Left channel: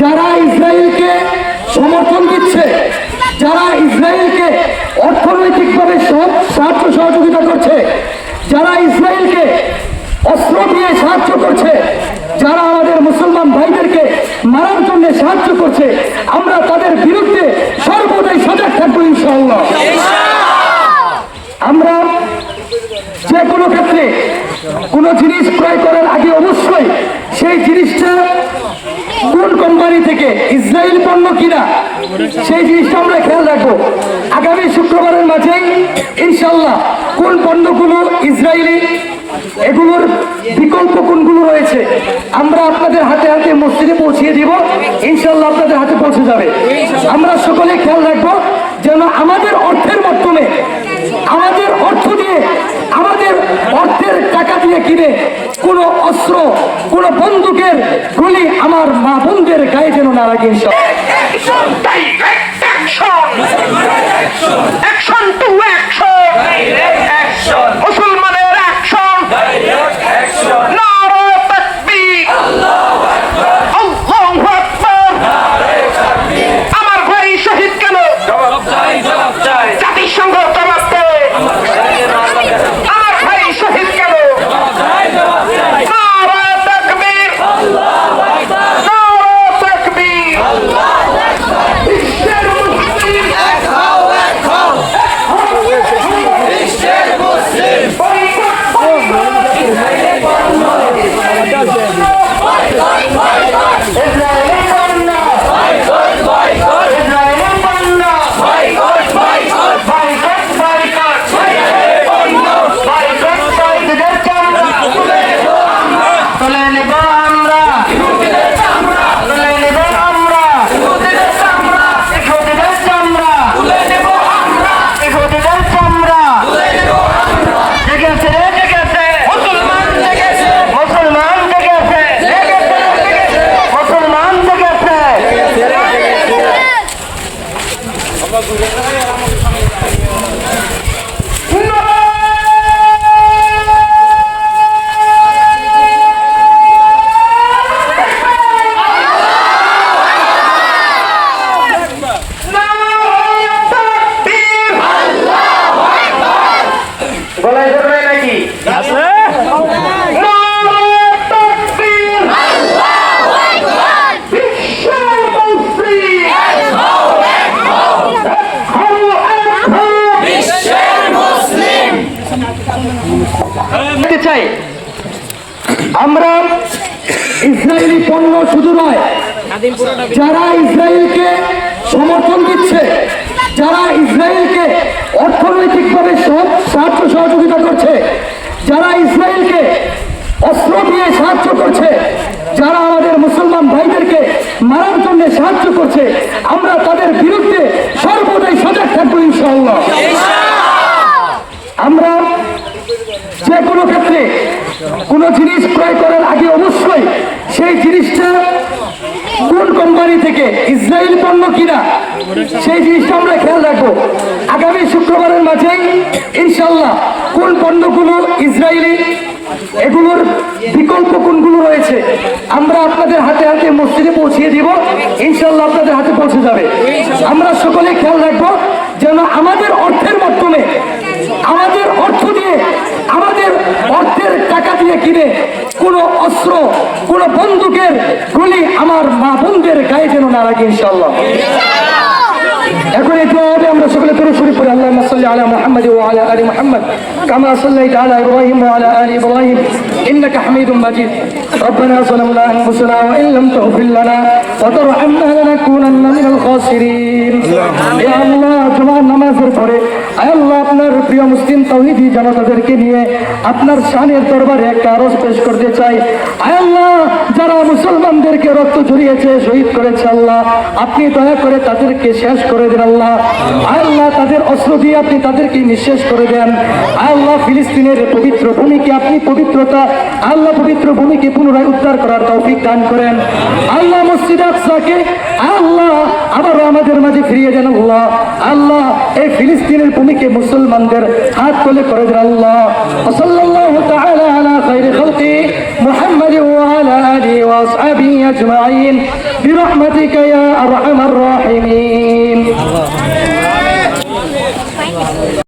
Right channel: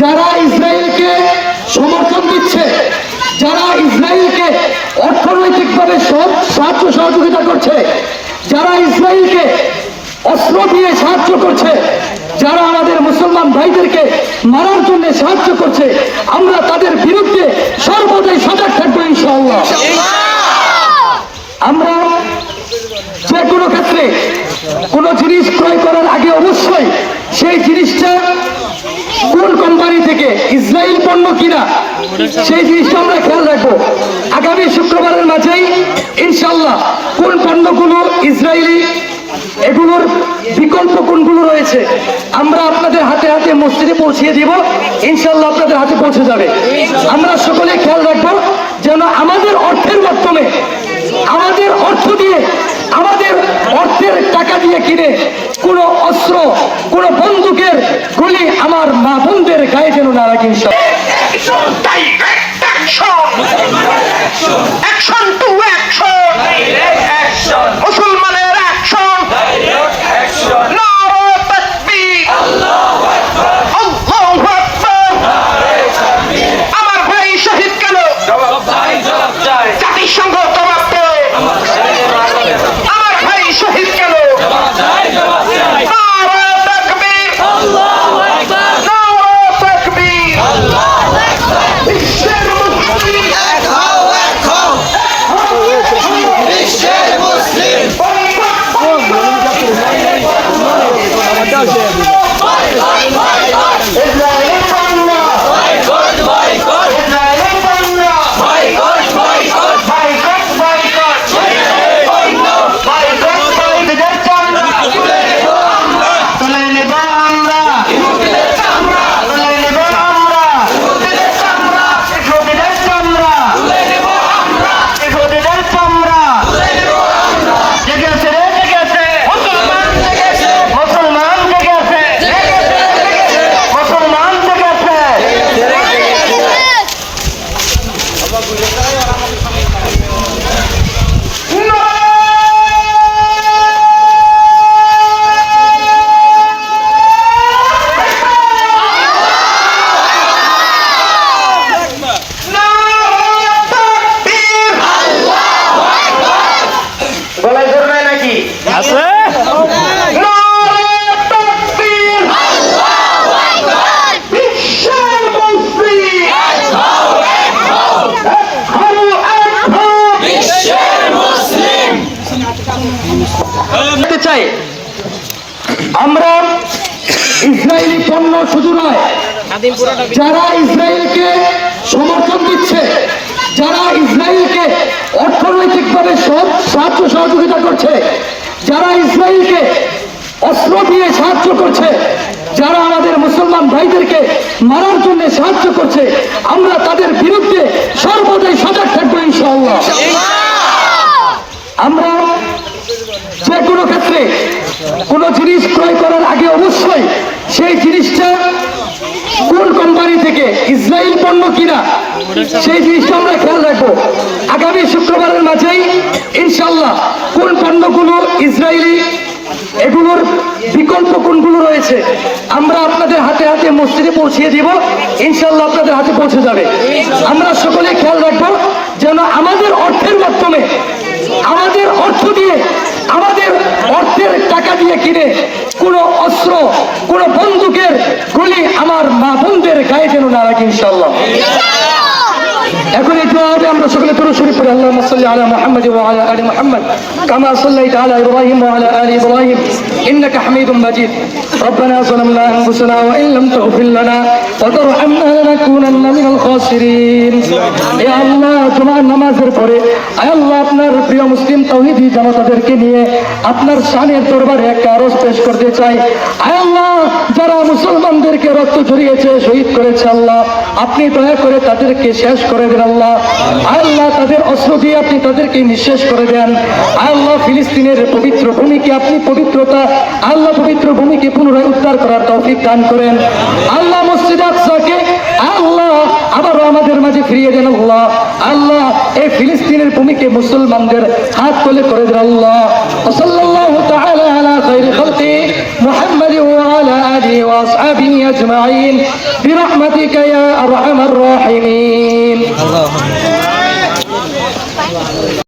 যারা ইসরায়েলকে সমর্থন দিচ্ছে, যারা ইসরায়েলকে অর্থনৈতিকভাবে সাহায্য সহযোগিতা করছে, যারা ইসরায়েলকে অস্ত্র দিয়ে সাহায্য করছে, যারা আমাদের মুসলমান ভাইদেরকে মারার জন্য সাহায্য করছে, আমরা তাদের বিরুদ্ধে সর্বদাই সজাগ থাকবো ইনশাআল্লাহ। আমরা যে কোনো ক্ষেত্রে কোনো জিনিস ক্রয় করার আগে অবশ্যই সেই জিনিসটা কোন কোম্পানি থেকে, ইসরায়েল পণ্য কিনা, সেই জিনিসটা আমরা খেয়াল রাখবো। আগামী শুক্রবারের মাঝেই ইনশাআল্লাহ কোন পণ্যগুলো ইসরায়েলি, এগুলোর বিকল্প কোনগুলো রয়েছে আমরা আপনাদের হাতে হাতে মসজিদে পৌঁছিয়ে দিব, ইনশাআল্লাহ আপনাদের হাতে পৌঁছে যাবে। আমরা সকলে খেয়াল রাখবো যেন আমাদের অর্থের মাধ্যমে, আমাদের অর্থ দিয়ে, আমাদের অর্থের টাকা দিয়ে কিনে কোনো অস্ত্র, কোনো বন্দুকের গুলি আমার মা বোনদের গায়ে যেন না লাগে। মুসলমানের অ্যাকশন, নারে তাকবীর, আল্লাহু আকবার। আমার ভাই শহীদ কেন? জাতিসংঘ জবাব দেয়। আমার ভাই শহীদ কেন? নারে তাকবীর, নারে তাকবীর। বিশ্বের মুসলিম এক হও, এক হও, বিশ্বের মুসলিম চাই। আমরা ইসরায়েলি পণ্য শুধু নয়, যারা ইসরায়েলকে সমর্থন দিচ্ছে, যারা ইসরায়েলকে অর্থনৈতিকভাবে সাহায্য সহযোগিতা করছে, যারা ইসরায়েলকে অস্ত্র দিয়ে সাহায্য করছে, যারা আমাদের মুসলমান ভাইদেরকে মারার জন্য সাহায্য করছে, আমরা তাদের বিরুদ্ধে সর্বদাই সজাগ থাকবো ইনশাআল্লাহ। আমরা যে কোনো ক্ষেত্রে কোনো জিনিস ক্রয় করার আগে অবশ্যই সেই জিনিসটা কোন কোম্পানি থেকে, ইসরায়েল পণ্য কিনা, সেই জিনিসটা আমরা খেয়াল রাখবো। আগামী শুক্রবারের মাঝেই ইনশাআল্লাহ কোন পণ্যগুলো ইসরায়েলি, এগুলোর বিকল্প কোনগুলো রয়েছে আমরা আপনাদের হাতে হাতে মসজিদে পৌঁছিয়ে দিব, ইনশাআল্লাহ আপনাদের হাতে পৌঁছে যাবে। আমরা সকলে খেয়াল রাখবো যেন আমাদের অর্থের মাধ্যমে, আমাদের অর্থ দিয়ে, আমাদের অর্থের টাকা দিয়ে কিনে কোনো অস্ত্র, কোনো বন্দুকের গুলি আমার মা বোনদের গায়ে যেন না লাগে ইনশাআল্লাহ। এখন এই দোয়াতে আমরা সকলে দরুদ শরীফ পড়ি। আল্লাহুম্মা সাল্লি আলা মুহাম্মাদ ওয়া আলা আলি মুহাম্মাদ কামা সাল্লাইতা আলা ইব্রাহিম ওয়া আলা আলি ইব্রাহিম ইন্নাকা হামিদুম মাজিদ। রব্বানা যালামনা আনফুসানা ওয়া ইন লাম তাগফির লানা ওয়া তারহামনা লানাকুনান্না মিনাল খাসিরিন। ইয়া আল্লাহ, জুমার নামাজের পরে আয় আল্লাহ আপনার প্রিয় মুসলিম তাওহীদি জনতাদেরকে নিয়ে আপনার শানের দরবারে একটা আরজ পেশ করতে চাই। আয় আল্লাহ, যারা মুসলমানদেরকে রক্ত ঝরিয়েছে, শহীদ করেছে, আল্লাহ আপনি দয়া করে তাদেরকে শেষ করে দেন। আল্লাহ আল্লাহ তাদের অস্ত্র দিয়ে আপনি তাদেরকে নিঃশেষ করে দেন। আল্লাহ ফিলিস্তিনের পবিত্র ভূমিকে আপনি পবিত্রতা, আল্লাহ পবিত্র ভূমিকে পুনরায় উদ্ধার করার তৌফিক দান করেন। আল্লাহ মসজিদ আকসাকে আল্লাহ আবারও আমাদের মাঝে ফিরিয়ে দেন। আল্লাহ আল্লাহ এই ফিলিস্তিনের ভূমিকে মুসলমানদের হাত তুলে করে দেন। আল্লাহ সাল্লাল্লাহু তাআলা আলা খায়রি খালকি মুহাম্মাদ ওয়া আলা আলিহি ওয়া আসহাবিহি আজমাইন। برحمتك يا أرحم الراحمين